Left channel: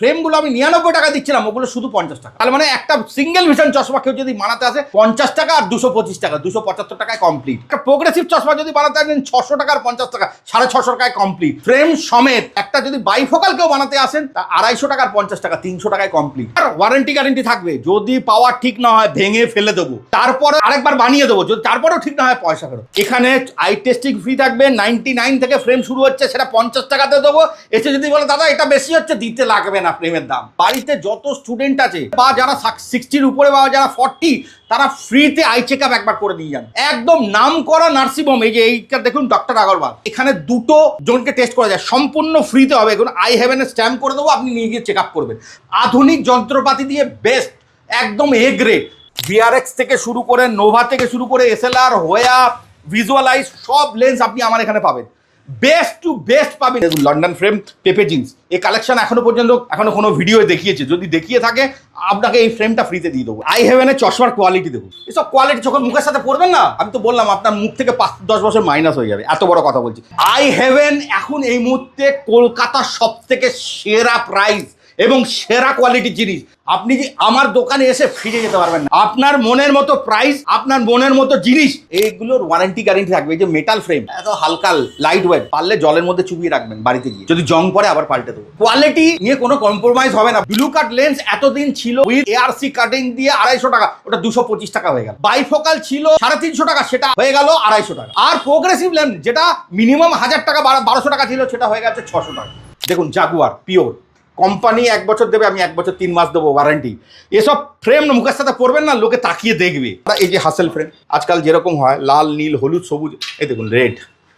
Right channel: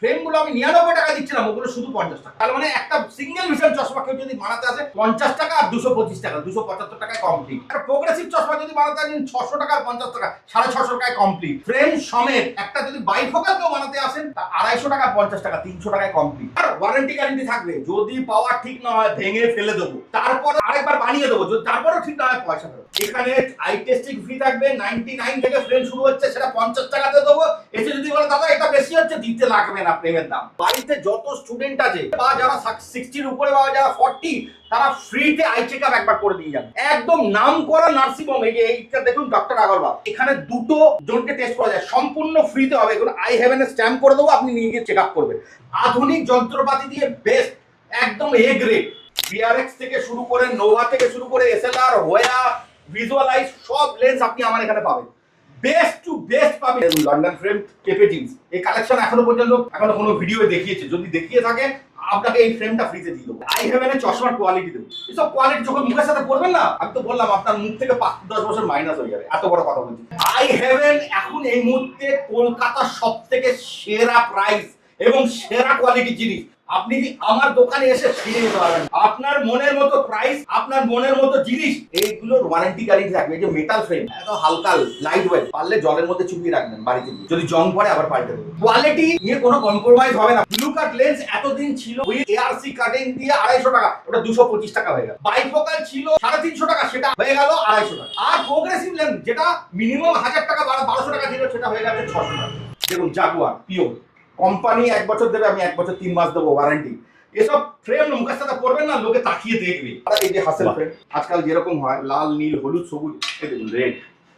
ফ্রেমগুলো আমি 99 টাকা দিচ্ছিলাম, ওগুলো শুধু 50 টাকা। তাহলে মানে একটা সিঙ্গেল ভিশন চশমা কেউ যদি বানাতে আসে 50 টাকা আর 225 টাকা, 275 টাকায় কমপ্লিট। একটা প্রোগ্রেসিভ চশমা যদি বানাতে আসেন 600 টাকা আর 50 টাকা, 650 টাকায় কমপ্লিট। ফ্রেম সমেত একটা যদি বাইফোকাল কেউ বানাতে আসেন 250 টাকা আর 50 টাকা, 300 টাকায় কমপ্লিট। আর ওয়ারেন্টি গ্যারেন্টি থাকবে, যদি পাওয়ার ঠিক না হয় ভেঙে ফেলে দেবো, তারপরে আরেকবার বানিয়ে দেবো, যদি তারপরেও ঠিক না হয় পয়সা ফেরত। এখানে আই টেস্টিং ফ্রি থাকবে, 99 থেকে ফ্রেম শুরু হচ্ছে, সেটা 50 টাকাতে দেবো। এসে যদি বলে দাদা এটা বেশি হচ্ছে, দিতে লাগবে না ফ্রেমের দাম। বাড়িতে যত স্টুডেন্ট আছে বা যারা 60-র উপরে বা যারা 40, তারা ফ্রিতে আই চেক আপ একবার করে দিয়ে যান। একদম নাম করা নার্সিংহোম, এই যে এইটা দেখুন ডক্টর আগরওয়াল, এখানে দুটো জনকে টেস্ট করা যায়, সম্পূর্ণ ফ্রিতে হবে। এখন আই হ্যাভেন স্ট্যাম্প করে দেবো, আপনি নিয়ে গিয়ে চেক আপ করবেন। আধুনিক যন্ত্রপাতি দিয়ে বেস্ট, একদম এ গ্রেড। ভিআরএক্স থেকে শুরু করে, নোভা থেকে শুরু করে, এসএলআর, হোয়া, ভিজুয়ালাইজ, সব লেন্স আপনি আমার এখানে পাবেন। বেস্ট টু বেস্ট পাবেন। লন্ডন ফ্রেম, পেপে জিন্স, এই কালেকশন এখনো পর্যন্ত কোনো ভিডিও দেখিয়েছে, যদি দেখিয়ে থাকে আপনাকে এই ফ্রেমটা ফ্রিতে দিয়ে দেবো। আই হ্যাভেনের চশমার কোয়ালিটি দেবো, এসব কোয়ালিটি যখন মুখের সাথে পড়বেন না, আমি তো বললাম আপনার মুখ থেকে 5-10 বছর মাইনাস হয়ে যাবে, এত বড় কথা বলছি। আই হ্যাভেন এখন এই মুহূর্তে কলকাতার সব থেকে সেরা প্রাইস এবং সেরা কোয়ালিটির জিনিস। আপনি কি আমার দোকানে এসে ফিরে যেতে পারবেন না। আপনার মনের মতো প্রাইস, আপনার মনের মতো জিনিস, এইগুলোর ওয়ারেন্টি গ্যারেন্টি থাকবে। এই যে মেটাল ফ্রেম, এত হালকা লাইট ওয়েট, পারলে জলের মধ্যে চুপিয়ে রাখবেন বাড়িতে গিয়ে, যদি জং পড়ে আবার পাল্টে দেবো। কোয়ালিটি নিয়ে কোনো কম্প্রোমাইজ হবে না। ব্লু কাট লেন্স এতদিন ছিল উইথ এআরসি কাটিং দিয়ে 250 টাকা, ওটা 225 টাকা হয়ে গেল। বাইফোকাল ছিল 350 টাকা, সেটা হয়ে গেল 250 টাকা। আর প্রোগ্রেসিভ লেন্স যেটা মিনিমাম 1000 টাকা 1200 টাকা ছিল, সেটা হয়ে গেছে 600 টাকা। দেখুন জাগুয়ার পিওর, কোম্পানি 1 বছর দেবে, আমি 1 বছর 3 মাস দেবো ওয়ারেন্টি। এসব ফ্রেম মুখের সাথে পড়বেন না, লোকে তাকিয়ে দেখবে। এই যে হাসেল ফ্রেম আজকাল যেরকম হয়, লাল, নীল, হলুদ, সবুজ, এই দেখুন রেড,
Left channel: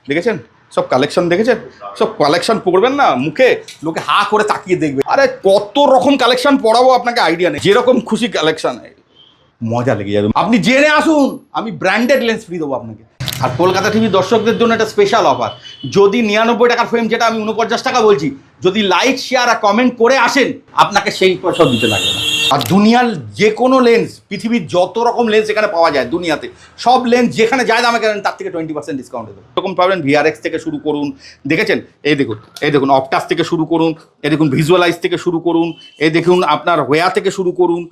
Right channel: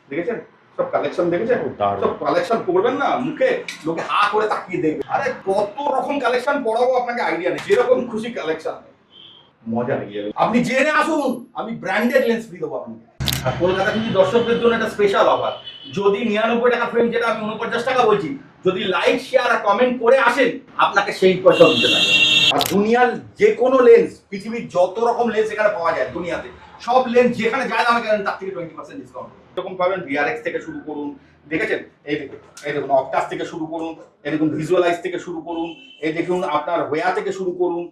দেখেছেন সব কালেকশন, দেখেছেন সব কালেকশন পড়বেন না, মুখে লোকে হা করে তাকিয়ে দেখবে। আরে কত রকম কালেকশন পড়াবো আপনাকে আইডিয়া নেই, যেরকম খুশি কালেকশন, মজা লেগে যাবে। আপনি জেনে আসুন, আমি ব্র্যান্ডেড লেন্স ফ্রি দেবো আপনাকে। আর কলকাতা টিভি দর্শকদের জন্য একটা স্পেশাল অফার, যদি 99 টাকার ফ্রেম, যেটা আমি 49 টাকা বলছি, যদি লাইক, শেয়ার আর কমেন্ট করে আসেন, আপনাকে সেই পয়সা দিতে লাগবে। আর দুনিয়ার যে কোনো লেন্স, পৃথিবীর যত রকম লেন্স এখানে পাওয়া যায় দুনিয়াতে, সব লেন্স যেখানে যায় দামে কেনেন, তার থেকে 20% ডিসকাউন্ট দেবো। এরকম পাবেন ভিআরএক্স থেকে শুরু করুন, দেখেছেন এই দেখুন অপটাস থেকে শুরু করুন, এই দেখুন ভিজুয়ালাইজ থেকে শুরু করুন, এই দেখুন আপনার হোয়া থেকে শুরু করুন।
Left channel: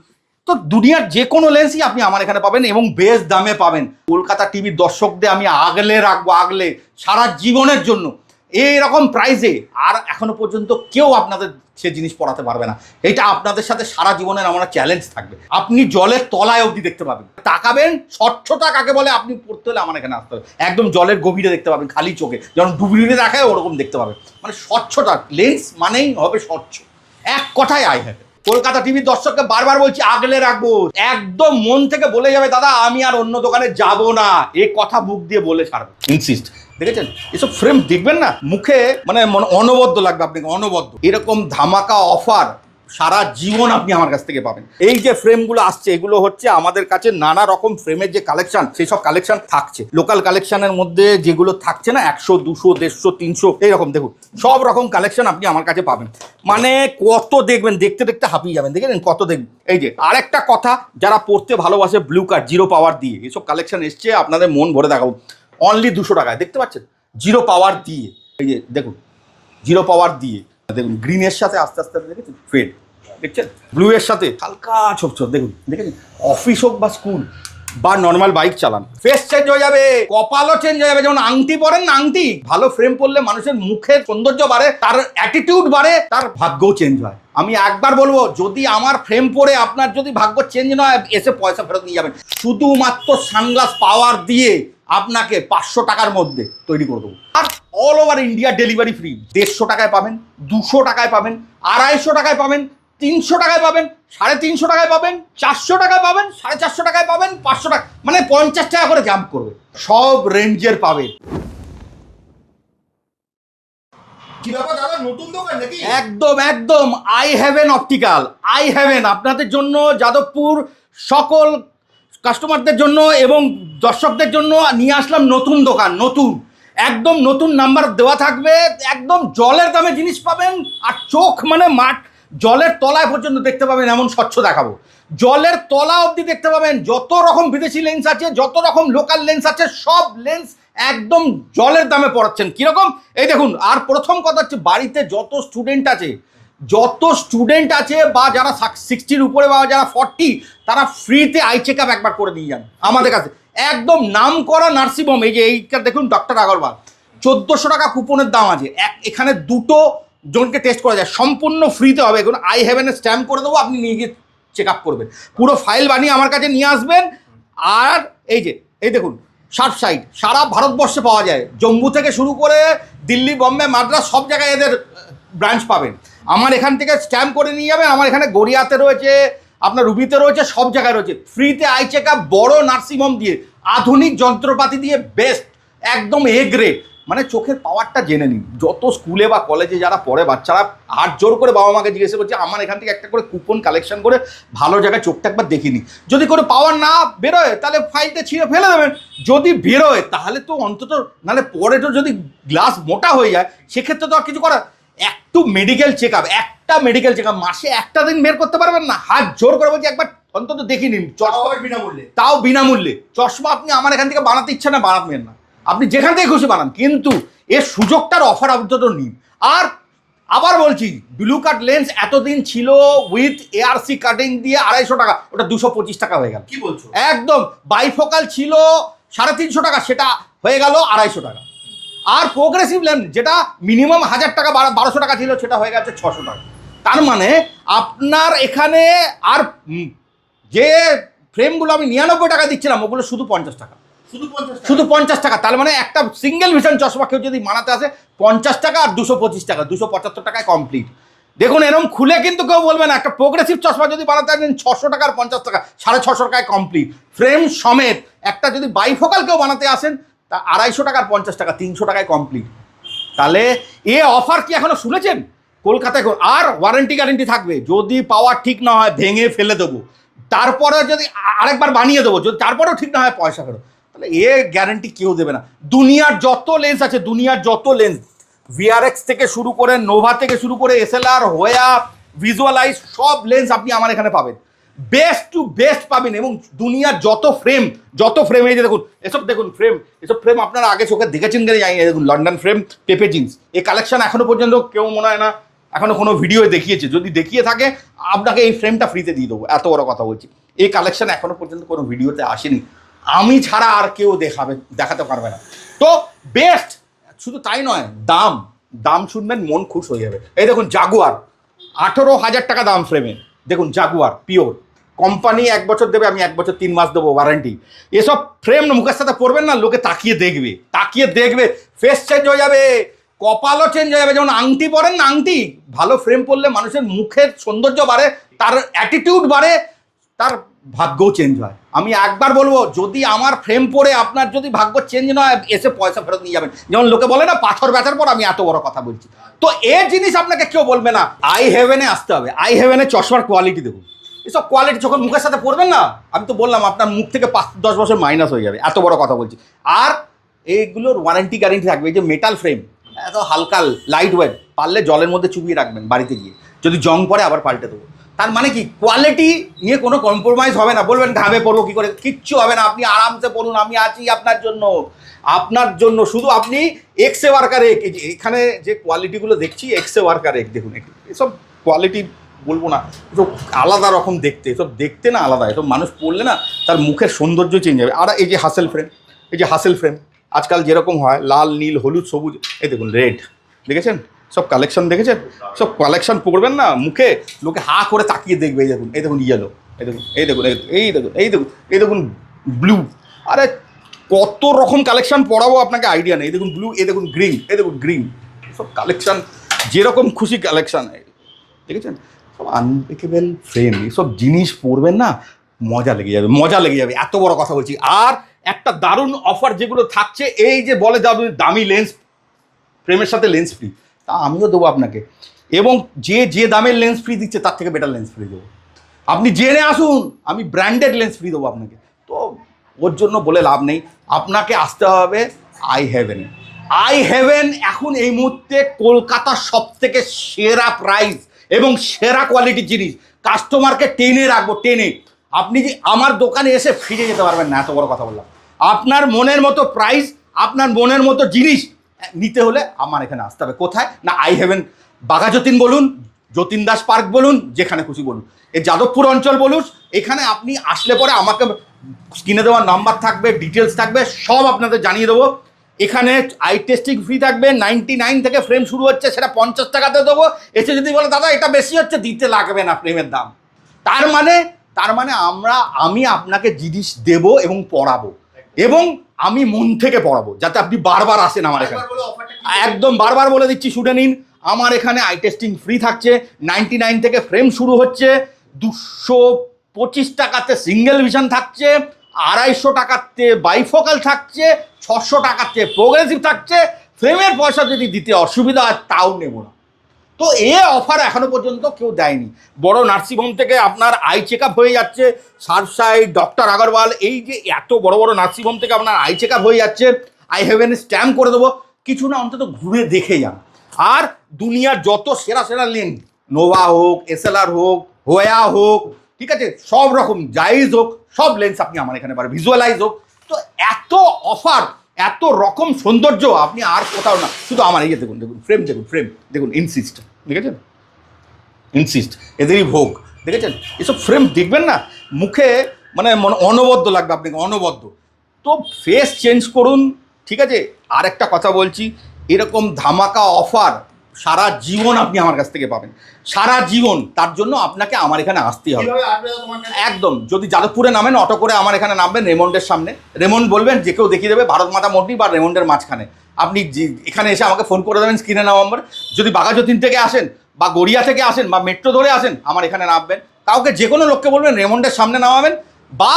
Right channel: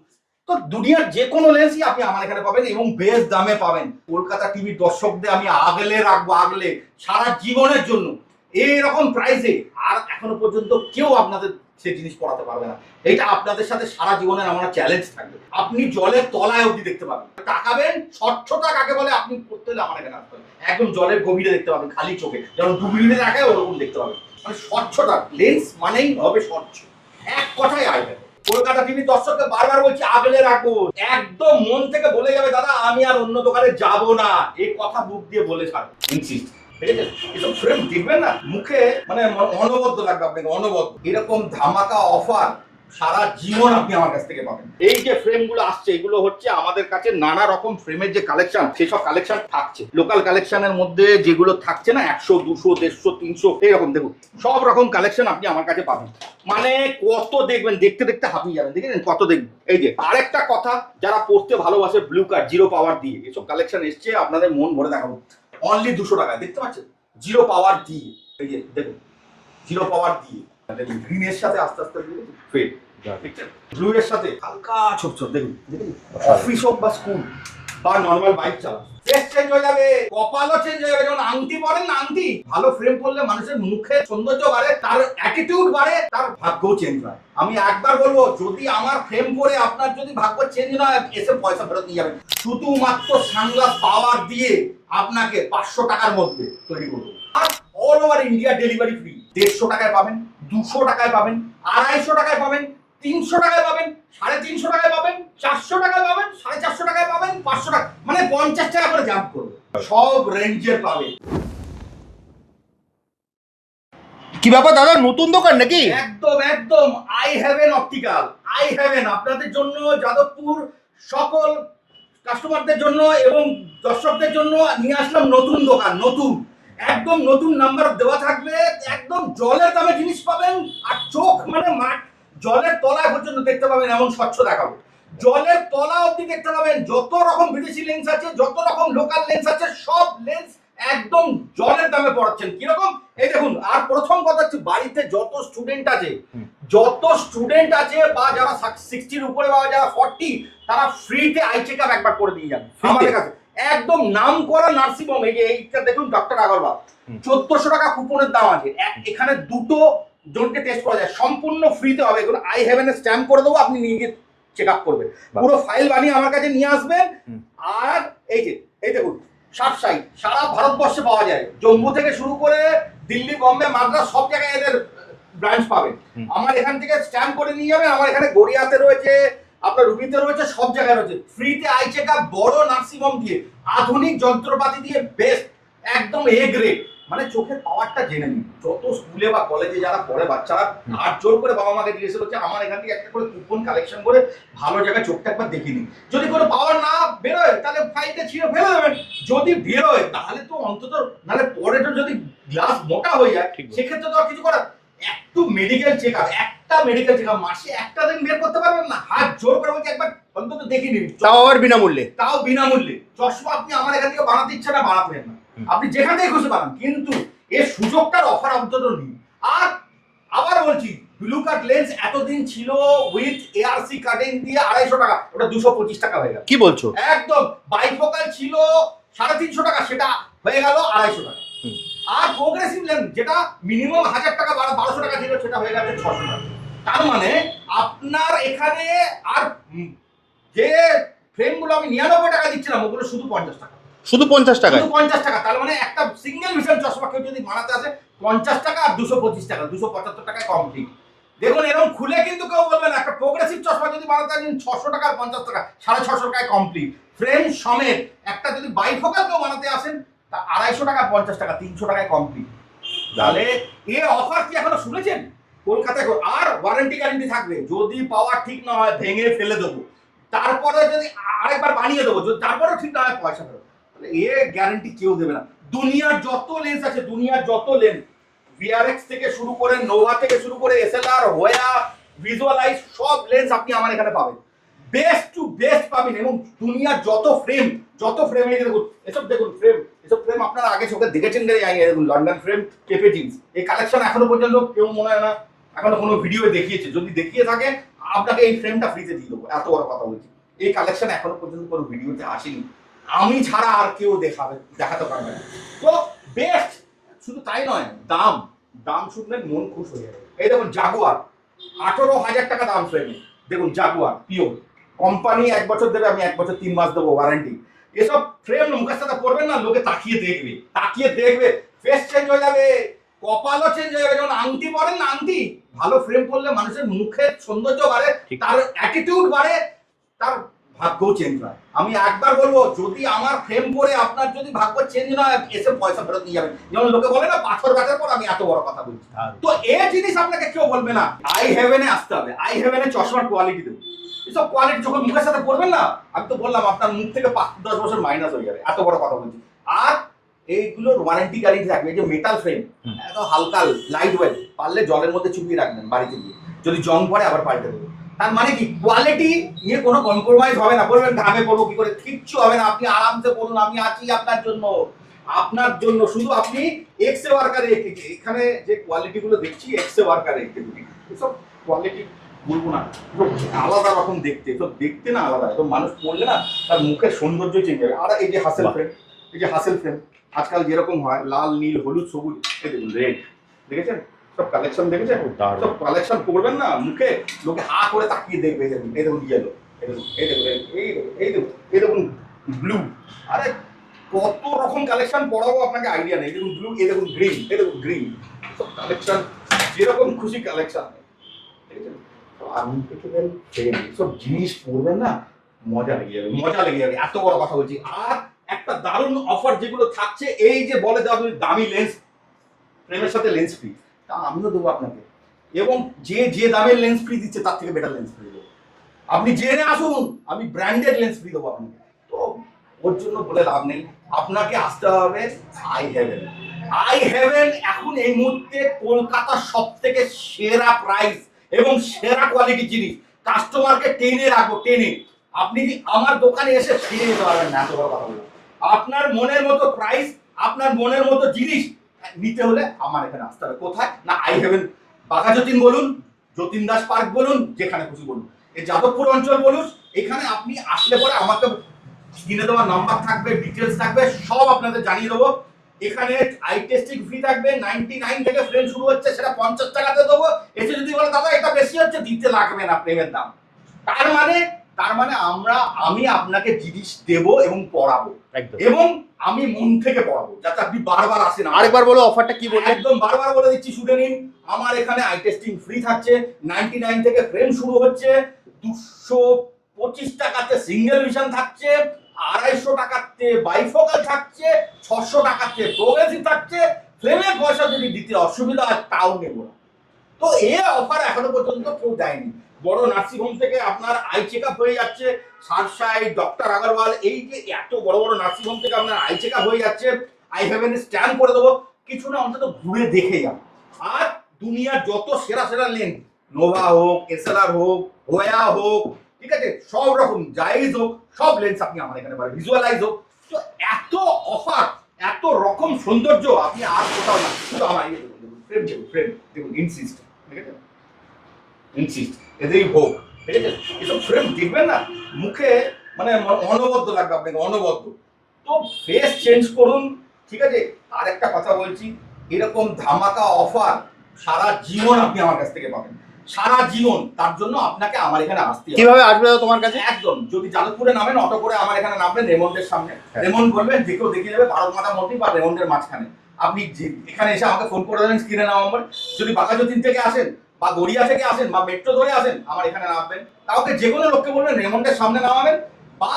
তো দুনিয়ার যে কোনো লেন্সই আপনি আমার এখানে পাবেন এবং বেশ দামে পাবেন। কলকাতা টিভির দর্শকদের আমি আগলে রাখবো, আগলে সারা জীবনের জন্য এইরকম প্রাইসে। আর এখনো পর্যন্ত কেউ আপনাদের সে জিনিস পড়াতে পারবে না। এটা আপনাদের সাথে সারা জীবনের আমার চ্যালেঞ্জ থাকবে। আপনি জলের তলায় অবধি দেখতে পাবেন, তাকাবেন, স্বচ্ছতা কাকে বলে আপনি পড়তে হলে আমার এখানে আসতে হবে। একদম জলের গভীরে দেখতে পাবেন, খালি চোখে, যেমন ডুবুরিতে দেখায় ওরকম দেখতে পাবেন। মানে স্বচ্ছতা, লেন্স মানেই হবে স্বচ্ছ, এক কথায় আই হ্যাভ। কলকাতা টিভির দর্শককে বারবার বলছি আগলে রাখবো, একদম মন থেকে বলে যাবে দাদা আমি আর অন্য দোকানে যাব না, এই কথা বুক দিয়ে বলে ছাড়বো, ইনসিস্ট। দেখেছেন এসব ফ্রেম দেখবেন না, মুখে মানে অনবদ্য লাগবে আপনাকে, অনবদ্য। এরকম ধামাকা অফার সারা জীবন আপনি আমার কাছ থেকে পাবেন। এই যে ফ্রেমগুলো আসছে, এগুলো হচ্ছে আমাদের কাছে নানা রকম ফ্রেমের যে কালেকশন, সেই সব কালেকশন থাকছে। লোকাল কালেকশনের মধ্যে যেগুলো থাকছে না, 100, 200, 150, 300 এইরকম, দেখুন সব রকম কালেকশন আপনি আমার কাছে পাবেন। মানে কত দেখবেন, দেখতে দেখতে হাঁপিয়ে যাবেন। দেখেন কত দেখবেন। এই যে আরেকটা কথা, যারা পড়তে ভালোবাসে, ব্লু কাট, জিরো পাওয়ার দিয়ে এসব কালেকশন এসছে, আপনাদের মন ভরে দেখাবো। অনলি 200 টাকায়, দেখতে পাচ্ছেন, জিরো পাওয়ার দিয়ে। এই যে দেখুন জিরো পাওয়ার দিয়ে, দেখুন গ্রিনের সাথে আস্তে আস্তে দেখেছেন ফেড, দেখছেন ব্লু এর সাথে হালকা ছোপ ছোপ, দেখুন দেখেছেন। অফিস হোক বা স্কুল বা নর্মাল বাইক চালান, ফেস চেঞ্জ হয়ে যাবে, কপালও চেঞ্জ হয়ে যাবে। যেমন আংটি পরেন না, আংটি ভালো ফ্রেম পরলে মানুষের মুখের সৌন্দর্য বাড়ে, তার অ্যাটিটিউড বাড়ে, তার ভাগ্যও চেঞ্জ হয়। আমি একবার বলবো, যদি আমার ফ্রেম পরে আপনার যদি ভাগ্য চেঞ্জ নয়, এসে পয়সা ফেরত নিয়ে যাবেন। শুধুমাত্র সানগ্লাস পাওয়ার দিয়ে আপনাকে 500 টাকার মধ্যে তৈরি করে দেবো। আর all over India delivery free. 150 টাকায় পাবেন, 200 টাকায় পাবেন, 250 টাকায় পাবেন, 300 টাকায় পাবেন, 350 টাকায় পাবেন, 400 টাকায় পাবেন, 450 টাকায় পাবেন, 500 টাকা, মানে 50 টাকা করে জাম্প করবে। সব রেঞ্জের পাবেন। কি ব্যাপার দাদা, নতুন দোকান নাকি? একদম একদম, Eye Haven Optical, Eye Haven আপনাদের জন্য, যাদবপুর সকল কাস্টমারদের জন্য এবং দর্শকদের জন্য নিয়ে আসলাম নতুন দোকান। নতুন, একদম নতুন নাম্বার দেওয়া থাকবে, একদম জলের দামে জিনিস পাবেন। আর চোখ মানে মাঠ, জলের তলায় পর্যন্ত দেখতে পাবেন, এমন স্বচ্ছ দেখাবো। জলের তলা অবধি দেখতে পাবেন। যত রকম বিদেশি লেন্স আছে, যত রকম লোকাল লেন্স আছে, সব লেন্স একদম জলের দামে পড়াচ্ছেন। কিরকম? এই দেখুন, আর প্রথম কথা হচ্ছে বাড়িতে যত স্টুডেন্ট আছে বা যারা 60-র উপরে বা যারা 40, তারা ফ্রিতে আই চেক আপ একবার করে নিয়ে যান আমাদের কাছে। একদম নাম করা নার্সিংহোম। এই যে এইটা দেখুন, ডক্টর আগরওয়াল, 1400 টাকা কুপনের দাম আছে। এখানে দুটো জনকে টেস্ট করা যায়, সম্পূর্ণ ফ্রিতে হবে। এখন আই হ্যাভেন স্ট্যাম্প করে দেবো, আপনি নিয়ে গিয়ে চেক আপ করবেন, পুরো ফাইল বানিয়ে আমার কাছে নিয়ে আসবেন। আর এই দেখুন, সার্ফ সাইড সারা ভারতবর্ষে পাওয়া যায়, জম্মু থেকে শুরু করে দিল্লি, বম্বে, মাদ্রাস, সব জায়গায় এদের ব্রাঞ্চ পাবেন। আমার এখান থেকে স্ট্যাম্প করে নিয়ে যাবেন। আমার এখানে গড়িয়াতে রয়েছে, আপনার রুবিতে রয়েছে, সব জায়গায় রয়েছে ফ্রিতে আই চেক আপ, বড় নার্সিংহোম দিয়ে, আধুনিক যন্ত্রপাতি দিয়ে, বেস্ট একদম এ গ্রেড। মানে চোখের পাওয়ারটা জেনে নিন। যত স্কুলে বা কলেজে যারা পড়ে বাচ্চারা হাত জোর করে বাবা মাকে জিজ্ঞেস করছে, আমার এখান থেকে একটা করে কুপন কালেকশন করে ভালো জায়গায় চোখটা একবার দেখিয়ে নিন। যদি করে পাওয়ার না বেরোয় তাহলে ফাইলটা ছিঁড়ে ফেলে দেবেন, যদি বেরোয় তাহলে তো অন্তত, নাহলে পরে তো যদি গ্লাস মোটা হয়ে যায় সেক্ষেত্রে তো আর কিছু করার। একটা মেডিকেল চেক আপ মাসে একটা দিন বের করতে পারবেন না? হাত জোর করে বলছি একবার অন্তত দেখিয়ে নিন, তাও বিনামূল্যে। চশমা আপনি আমার এখান থেকে বানাতে ইচ্ছা না, বানাবেন না, আপনি যেখান থেকে খুশি বানান, কিন্তু এর সুযোগটার অফার অন্তত নিন। আর আবার বলছি, ব্লু কাট লেন্স এতদিন ছিল উইথ এআরসি কাটিং দিয়ে 250 টাকা, ওটা 225 টাকা হয়ে গেল। কি বলছো? একদম। বাইফোকাল ছিল 350 টাকা, সেটা হয়ে গেল 250 টাকা। আর প্রোগ্রেসিভ লেন্স যেটা মিনিমাম 1000 টাকা 1200 টাকা ছিল, সেটা হয়ে গেছে 600 টাকা। তার মানে আপনার এখানে আর যে ফ্রেমগুলো আমি 99 টাকা দিচ্ছিলাম, ওগুলো শুধু 50 টাকা। শুধু 50 টাকা? শুধু 50 টাকা। তার মানে একটা সিঙ্গেল ভিশন চশমা কেউ যদি বানাতে আসে 50 টাকা আর 225 টাকা, 275 টাকায় কমপ্লিট। দেখুন, এরকম খুলে কিন্তু কেউ বলবে না। একটা প্রোগ্রেসিভ চশমা যদি বানাতে আসেন 600 টাকা আর 50 টাকা, 650 টাকায় কমপ্লিট ফ্রেম সমেত। একটা যদি বাইফোকাল কেউ বানাতে আসেন তা 250 টাকা আর 50 টাকা, 300 টাকায় কমপ্লিট। তাহলে এ অফার কি এখনো শুনেছেন? কলকাতায় আর ওয়ারেন্টি গ্যারেন্টি থাকবে, যদি পাওয়ার ঠিক না হয় ভেঙে ফেলে দেবো, তারপরে যদি আরেকবার বানিয়ে দেবো, যদি তারপরেও ঠিক না হয় পয়সা ফেরত। তাহলে এ গ্যারেন্টি কেউ দেবে না। দুনিয়ার যত লেন্স আছে, ভিআরএক্স থেকে শুরু করে, নোভা থেকে শুরু করে, এসএলআর, হোয়া, ভিজুয়ালাইজ, সব লেন্স আপনি আমার এখানে পাবেন, বেস্ট টু বেস্ট পাবেন। এবং দুনিয়ার যত ফ্রেম এই যে দেখুন, এসব ফ্রেম আপনারা আগে চোখে দেখেছেন কিনা জানি না। দেখুন, লন্ডন ফ্রেম, পেপে জিন্স, এই কালেকশন এখনো পর্যন্ত কেউ মনে হয় না এখনো কোনো ভিডিও দেখিয়েছে। যদি দেখিয়ে থাকে, আপনাকে এই ফ্রেমটা ফ্রিতে দিয়ে দেবো, এত বড় কথা বলছি। এই কালেকশন এখনো পর্যন্ত কোনো ভিডিওতে আসেনি, আমি ছাড়া আর কেউ দেখাতে পারবে না। তো বেস্ট। শুধু তাই নয়, দাম শুনবেন মন খুশ হয়ে যাবে। এই দেখুন, জাগুয়ার 18,000 টাকা দাম ফ্রেমে। দেখুন, জাগুয়ার পিওর কোম্পানি 1 বছর দেবে, আমি 1 বছর 3 মাস দেবো ওয়ারেন্টি। এসব ফ্রেম মুখের সাথে পড়বেন না, লোকে তাকিয়ে দেখবে, ফেস চেঞ্জ হয়ে যাবে, কপালও চেঞ্জ হয়ে যাবে। যেমন আংটি পরেন না, আংটি ভালো ফ্রেম পরলে মানুষের মুখের সৌন্দর্য বাড়ে, তার অ্যাটিটিউড বাড়ে, তার ভাগ্যও চেঞ্জ হয়। আমি একবার বলবো, যদি আমার ফ্রেম পরে আপনার যদি ভাগ্য চেঞ্জ নয়, এসে পয়সা ফেরত নিয়ে যাবেন। যেমন লোকে বলে না, পাথর বেচার পর আমি এত বড় কথা বলছি। তো এই জিনিস আপনাকে কেউ বলবে না। আই হেভেনে আসতে হবে। আই হেভেনে চশমার কোয়ালিটি দেখুন, এসব কোয়ালিটি যখন মুখের সাথে পড়বেন না, আমি তো বললাম আপনার মুখ থেকে 5-10 বছর মাইনাস হয়ে যাবে, এত বড় কথা বলছি। আর এইগুলোর ওয়ারেন্টি গ্যারেন্টি থাকবে। এই যে মেটাল ফ্রেম, এত হালকা লাইট ওয়েট, পারলে জলের মধ্যে চুবিয়ে রাখবেন বাড়িতে গিয়ে, যদি জং পড়ে আবার পাল্টে দেবো। তার মানে কি, কোয়ালিটি নিয়ে কোনো কম্প্রোমাইজ হবে না। বলবেন ঘামে পড়বো কি করে, কিচ্ছু হবে না, আপনি আরামসে পড়ুন, আমি আছি আপনার জন্য। শুধু আপনি এক্সে ওয়ার্কারে, এখানে যে কোয়ালিটিগুলো দেখছি, এক্সে ওয়ার্কারে দেখুন, এসব কোয়ালিটি বলবো না, এসব আলাদা রকম দেখতে, এসব দেখতে না আলাদা, এসব মানুষ পড়লে না তার মুখের সৌন্দর্য চেঞ্জ হবে। আর এই যে হাসেল ফ্রেম, আজকাল যেরকম হয় লাল, নীল, হলুদ, সবুজ, এই দেখুন রেড, দেখেছেন? সব কালেকশন দেখেছেন? সব কালেকশন পড়বেন না, মুখে লোকে হা করে তাকিয়ে দেখবে। এই দেখুন ইয়েলো, এই দেখুন ব্লু। আরে কত রকম কালেকশন পড়াবো আপনাকে আইডিয়া নেই। এই দেখুন ব্লু, এই দেখুন গ্রিন, সব কালেকশন যেরকম খুশি কালেকশন, দেখেছেন? সব আনব্রেকেবল ফ্রেম, এসব জিনিস পড়বেন না, মজা লেগে যাবে, এত বড় কথা বলছি। আর একটা দারুণ অফার যেগুলো থাকছে, এই যে বলে দামি লেন্স ফ্রেমের সাথে লেন্স ফ্রি, তা আমিও দেবো আপনাকে। এবং যে দামের লেন্স ফ্রি দিচ্ছে তার থেকে বেটার লেন্স ফ্রি দেবো। আপনি জেনে আসুন, আমি ব্র্যান্ডেড লেন্স ফ্রি দেবো আপনাকে। তো ওর জন্য বলে লাভ নেই, আপনাকে আসতে হবে আই হেভেন। এখন এই মুহূর্তে কলকাতার সব থেকে সেরা প্রাইস এবং সেরা কোয়ালিটির জিনিস, কাস্টমারকে টেনে রাখবো। আপনি আমার দোকানে এসে ফিরে যেতে পারবেন না, এত বড় কথা বললাম। আপনার মনের মতো প্রাইস আপনার মনের মতো জিনিস নিতে হলে আমার এখানে আসতে হবে। কোথায় না, আই হেভেন বাঘাযতীন বলুন, যতীন দাস পার্ক বলুন, যেখানে খুশি বলুন, এই যাদবপুর অঞ্চল বলুন, এখানে আপনি আসলে পরে আমাকে স্ক্রিনে দেওয়ার নাম্বার থাকবে, ডিটেলস থাকবে, সব আপনাদের জানিয়ে দেবো। এখানে আই টেস্টিং ফ্রি থাকবে, 99 থেকে ফ্রেম শুরু হচ্ছে, সেটা 50 টাকাতে দেবো। এসে যদি বলে দাদা এটা বেশি হচ্ছে, দিতে লাগবে না ফ্রেমের দাম। তার মানে আমি আপনাকে জিনিস দেব এবং পড়াবো, এবং আমি মন থেকে পড়াবো, যাতে আপনি বারবার আসেন। আরেকবার বলো অফারটা কি বলছো? একদম বারবার বলে দিচ্ছি, শুনে নিন। আমার এখানে আই টেস্টিং ফ্রি থাকছে, 99 থেকে ফ্রেম শুরু হচ্ছে, 225 টাকাতে সিঙ্গেল ভিশন থাকছে, 250 টাকাতে বাইফোকাল থাকছে, 600 টাকাতে প্রোগ্রেসিভ থাকছে। ফ্রেমের পয়সা যদি দিতে অসুবিধা হয় তাও নেব না। তো এই অফার এখনো পর্যন্ত কেউ দেয়নি। বড় নার্সিংহোম থেকে আপনার আই চেক আপ হয়ে যাচ্ছে, সারসাই, ডক্টর আগরওয়াল, এই যে এত বড় বড় নার্সিংহোম থেকে আপনার আই চেক আপ হয়ে যাচ্ছে, আই হেভেন স্ট্যাম্প করে দেবো। কিছু না, অন্তত ঘুরে দেখে যান। আর দুনিয়ার যত সেরা সেরা লেন্স, নোভা হোক, এসএলআর হোক, হোয়া হোক, ঠিক আছে, সব রকম জাইজ হোক, সব লেন্স আপনি আমার এখানে পাবেন, ভিজুয়ালাইজ হোক। তো এত অফার, এত রকম সৌন্দর্য আপনি আর কোথাও না, শুধু আমার এই যে দেখুন, ফ্রেম দেখুন, ফ্রেম দেখুন, ইনসিস্ট, দেখেছেন, ইনসিস্ট, এদেরই ভোগ, দেখেছেন। এসব ফ্রেম দেখবেন না, মুখে মানে অনবদ্য লাগবে আপনাকে, অনবদ্য। তো ফেস চেঞ্জ করুন, ঠিক আছে। আর একটা কথা বলছি, এরকম ধামাকা অফার সারা জীবন আপনি আমার কাছ থেকে পাবেন, সারা জীবন। তার জন্য আপনাকে আমার এখানে আসতে হবে। কিভাবে আসবে দাদা তোমার কাছে? একদম, যদি যাদবপুরে নামেন, অটো করে আমার এখানে নামবেন, রেমন্ডের সামনে। রেমন্ড বলবেন, যে কেউ দেখিয়ে দেবে, ভারত মাতা মন্দির বা রেমন্ডের মাঝখানে। আপনি এখানে এসে আমাকে ফোন করে দেবেন, স্ক্রিনে নাম্বার। যদি বাঘাযতীন থেকে আসেন বা গড়িয়া থেকে আসেন বা মেট্রো ধরে আসেন, আমার এখানে নামবেন। কাউকে যে কোনো লোককে বলবেন রেমন্ডের সামনে নামাবেন বা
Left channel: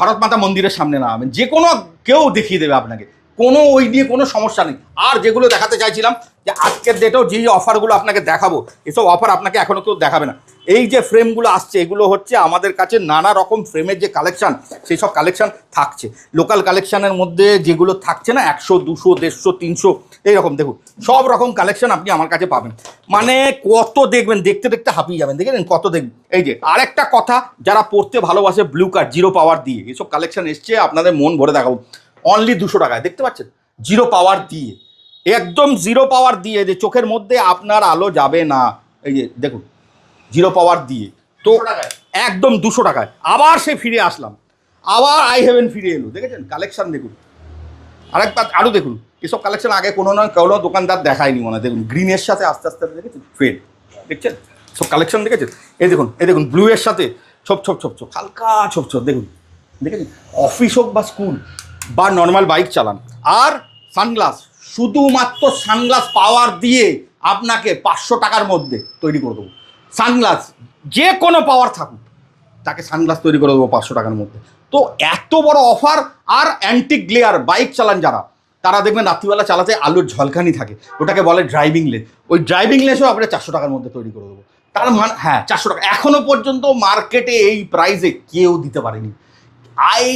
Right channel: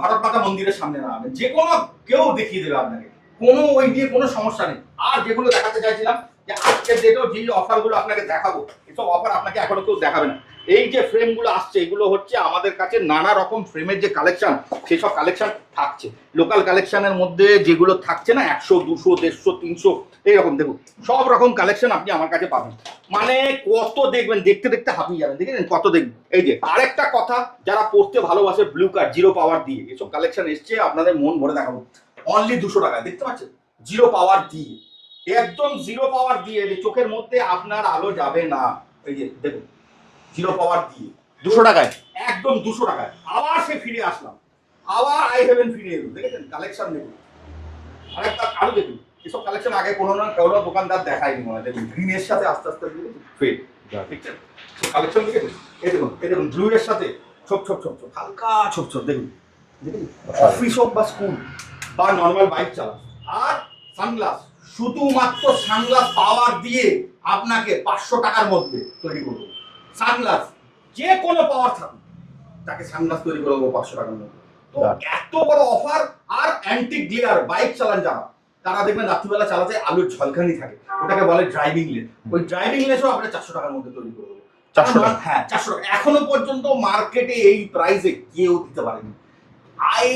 ভারত মাতা মন্দিরের সামনে নামাবেন, যে কোনো কেউ দেখিয়ে দেবে আপনাকে, কোনো ওই নিয়ে কোনো সমস্যা নেই। আর যেগুলো দেখাতে চাইছিলাম, যে আজকের ডেটেও যেই অফারগুলো আপনাকে দেখাবো, এসব অফার আপনাকে এখনও কেউ দেখাবে না। এই যে ফ্রেমগুলো আসছে, এগুলো হচ্ছে আমাদের কাছে নানা রকম ফ্রেমের যে কালেকশান, সেই সব কালেকশান থাকছে। লোকাল কালেকশানের মধ্যে যেগুলো থাকছে না, 100, 200, 150, 300, এইরকম দেখুন, সব রকম কালেকশান আপনি আমার কাছে পাবেন। মানে কত দেখবেন, দেখতে দেখতে হাঁপিয়ে যাবেন, দেখেন কত দেখবেন। এই যে আরেকটা কথা, যারা পড়তে ভালোবাসে, ব্লু কার্ড, জিরো পাওয়ার দিয়ে এসব কালেকশান এসছে, আপনাদের মন ভরে দেখাবো। অনলি 200 টাকায়, দেখতে পাচ্ছেন, জিরো পাওয়ার দিয়ে, একদম জিরো পাওয়ার দিয়ে, যে চোখের মধ্যে আপনার আলো যাবে না। এই যে দেখুন, জিরো পাওয়ার দিয়ে 200 টাকায়, একদম 200 টাকায়। আবার সে ফিরে আসলাম, আবার আই হেভেন ফিরে এলো, দেখেছেন কালেকশন দেখুন। আরও দেখুন, এসব কালেকশন আগে কোনো দোকানদার দেখায়নি মনে হয়। দেখুন, গ্রিনের সাথে আস্তে আস্তে দেখেছেন ফেড, দেখছেন সব কালেকশন, দেখেছেন। এই দেখুন ব্লু এর সাথে ছোপ ছোপ ছোপ ছোপ, হালকা ছোপ ছোপ, দেখুন, দেখেছেন। অফিস হোক বা স্কুল বা নর্মাল বাইক চালান। আর সানগ্লাস, শুধুমাত্র সানগ্লাস পাওয়ার দিয়ে আপনাকে 500 টাকার মধ্যে তৈরি করে দেবো। সানগ্লাস যে কোনো পাওয়ার থাকুক, তাকে সানগ্লাস তৈরি করে দেবো 500 টাকার মধ্যে। তো এত বড় অফার। আর অ্যান্টি গ্লেয়ার, বাইক চালান যারা, তারা দেখবেন রাত্রিবেলা চালাতে আলোর ঝলকানি থাকে, ওটাকে বলে ড্রাইভিং লেন্স। ওই ড্রাইভিং লেন্সও আমরা 400 টাকার মধ্যে তৈরি করে দেবো। তার মানে হ্যাঁ, 400 টাকা। এখনো পর্যন্ত মার্কেটে এই প্রাইসে কেউ দিতে পারেনি। আই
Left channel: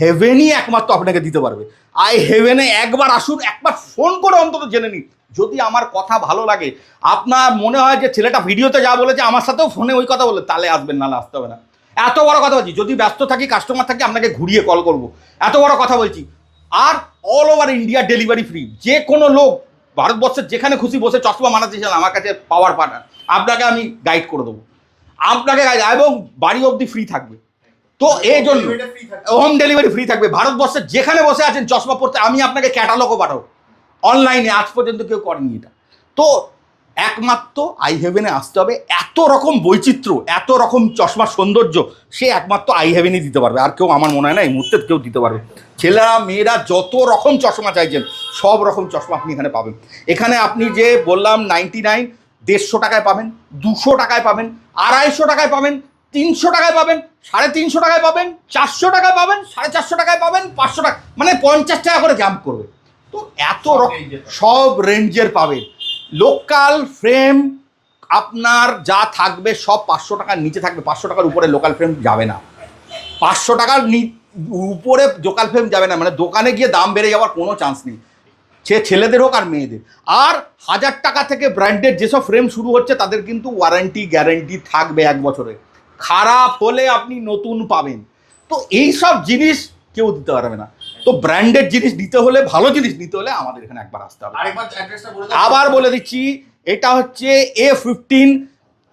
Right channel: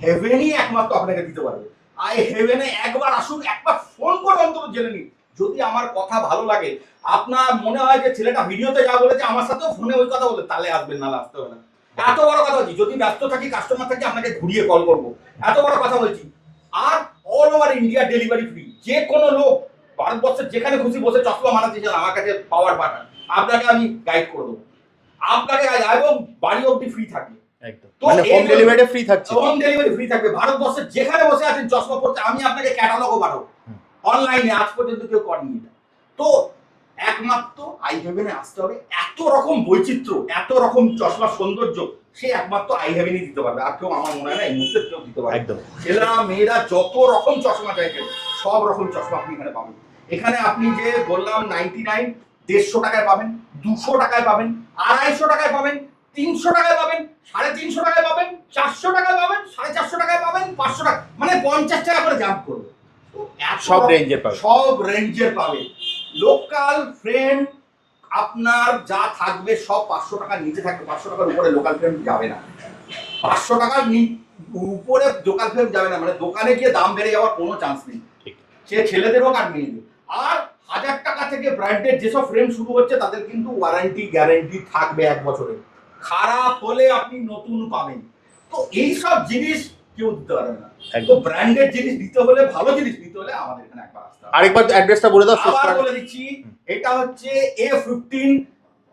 হেভেনই একমাত্র আপনাকে দিতে পারবে। আই হেভেনে একবার আসুন, একবার ফোন করে অন্তত জেনে নিন। যদি আমার কথা ভালো লাগে, আপনার মনে হয় যে ছেলেটা ভিডিওতে যা বলেছে আমার সাথেও ফোনে ওই কথা বলে, তাহলে আসবেন, নাহলে আসতে হবে না। এত বড় কথা বলছি, যদি ব্যস্ত থাকি, কাস্টমার থাকি, আপনাকে ঘুরিয়ে কল করব, এত বড় কথা বলছি। আর all over India delivery free. যে কোনো লোক ভারতবর্ষের যেখানে খুশি বসে চশমা বানাতে চান, আমার কাছে পাওয়ার পাঠান, আপনাকে আমি গাইড করে দেবো, আপনাকে এবং বাড়ি অবধি ফ্রি থাকবে। তো এই ডেলিভারি ফ্রি থাকছে, হোম ডেলিভারি ফ্রি থাকবে। ভারতবর্ষের যেখানে বসে আছেন চশমা পড়তে, আমি আপনাকে ক্যাটালগও পাঠাবো অনলাইনে, আজ পর্যন্ত কেউ করেনি এটা। তো একমাত্র আই হেভেনে আসতে হবে। এত রকম বৈচিত্র্য, এত রকম চশমার সৌন্দর্য, সে একমাত্র আই হেভেনই দিতে পারবে। আর কেউ আমার মনে হয় না এই মুহূর্তে কেউ দিতে পারবে। ছেলেরা মেয়েরা যত রকম চশমা চাইছেন, সব রকম চশমা আপনি এখানে পাবেন। এখানে আপনি যে বললাম 99, 150 টাকায় পাবেন, 200 টাকায় পাবেন, 250 টাকায় পাবেন, 300 টাকায় পাবেন, 350 টাকায় পাবেন, 400 টাকায় পাবেন, 450 টাকায় পাবেন, 500 টাকা, মানে 50 টাকা করে জাম্প করবে। তো এত সব রেঞ্জের পাবে। লোকাল ফ্রেম আপনার যা থাকবে সব 500 টাকার নিচে থাকবে। 500 টাকার উপরে লোকাল ফ্রেম যাবে না। 500 টাকার উপরে লোকাল ফ্রেম যাবে না, মানে দোকানে গিয়ে দাম বেড়ে যাওয়ার কোনো চান্স নেই, সে ছেলেদের হোক আর মেয়েদের। আর 1000 টাকা থেকে ব্র্যান্ডেড যেসব ফ্রেম শুরু হচ্ছে, তাদের কিন্তু ওয়ারেন্টি গ্যারেন্টি থাকবে 1 বছরের। খারাপ হলে আপনি নতুন পাবেন। তো এই সব জিনিস কেউ দিতে পারবে না। তো ব্র্যান্ডেড জিনিস নিতে হলে, ভালো জিনিস নিতে হলে আমাদের এখানে একবার আসতে হবে। আরেকবার অ্যাড্রেসটা বলে দাও। আবার বলে দিচ্ছি, এটা হচ্ছে A15,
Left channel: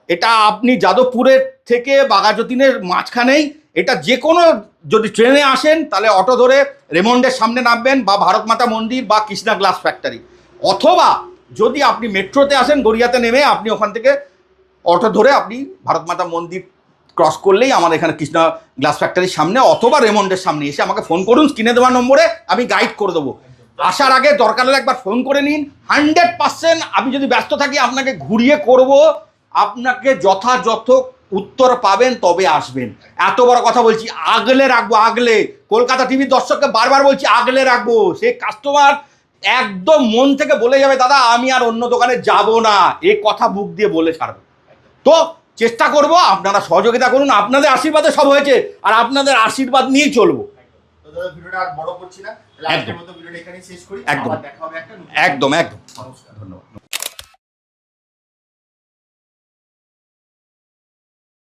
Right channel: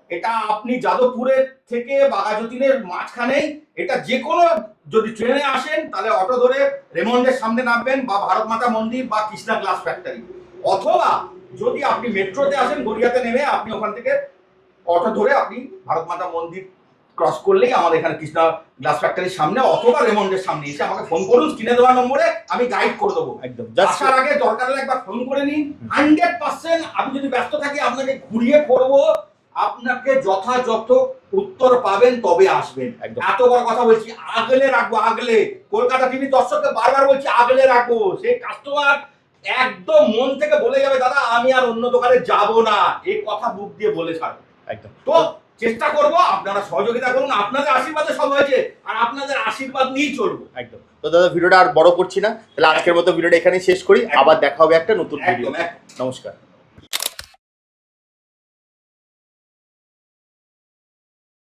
এটা আপনি যাদবপুরের থেকে বাঘাযতীনের মাঝখানেই। এটা যে কোনো, যদি ট্রেনে আসেন তাহলে অটো ধরে রেমন্ডের সামনে নামবেন, বা ভারত মাতা মন্দির বা কৃষ্ণা গ্লাস ফ্যাক্টরি, অথবা যদি আপনি মেট্রোতে আসেন গড়িয়াতে নেমে আপনি ওখান থেকে অটো ধরে আপনি ভারত মাতা মন্দির ক্রস করলেই আমাদের এখানে কৃষ্ণা গ্লাস ফ্যাক্টরির সামনে অথবা রেমন্ডের সামনে এসে আমাকে ফোন করুন, স্ক্রিনে দেওয়া নম্বরে আমি গাইড করে দেবো। একদম আসার আগে দরকার হলে একবার ফোন করে নিন। 100% আমি যদি ব্যস্ত থাকি আপনাকে ঘুরিয়ে করব, আপনাকে যথাযথ উত্তর পাবেন, তবে আসবেন। একদম। এত বড় কথা বলছি, আগলে রাখবো, আগলে। কলকাতা টিভির দর্শককে বারবার বলছি আগলে রাখবো। সে কাস্টমার একদম মন থেকে বলে যাবে, দাদা আমি আর অন্য দোকানে যাব না, এই কথা বুক দিয়ে বলে ছাড়বো। একদম। তো চেষ্টা করব, আপনারা সহযোগিতা করুন, আপনাদের আশীর্বাদে সব হয়েছে, আর আপনাদের আশীর্বাদ নিয়েই চলবো। একদম। তো দাদা ভিডিওটা আর বড় করছি না, তাহলে আজকের মতো ভিডিওটা এখানেই শেষ করি। একদম। আবার দেখা হবে একটা নতুন। একদম। নমস্কার। ধন্যবাদ।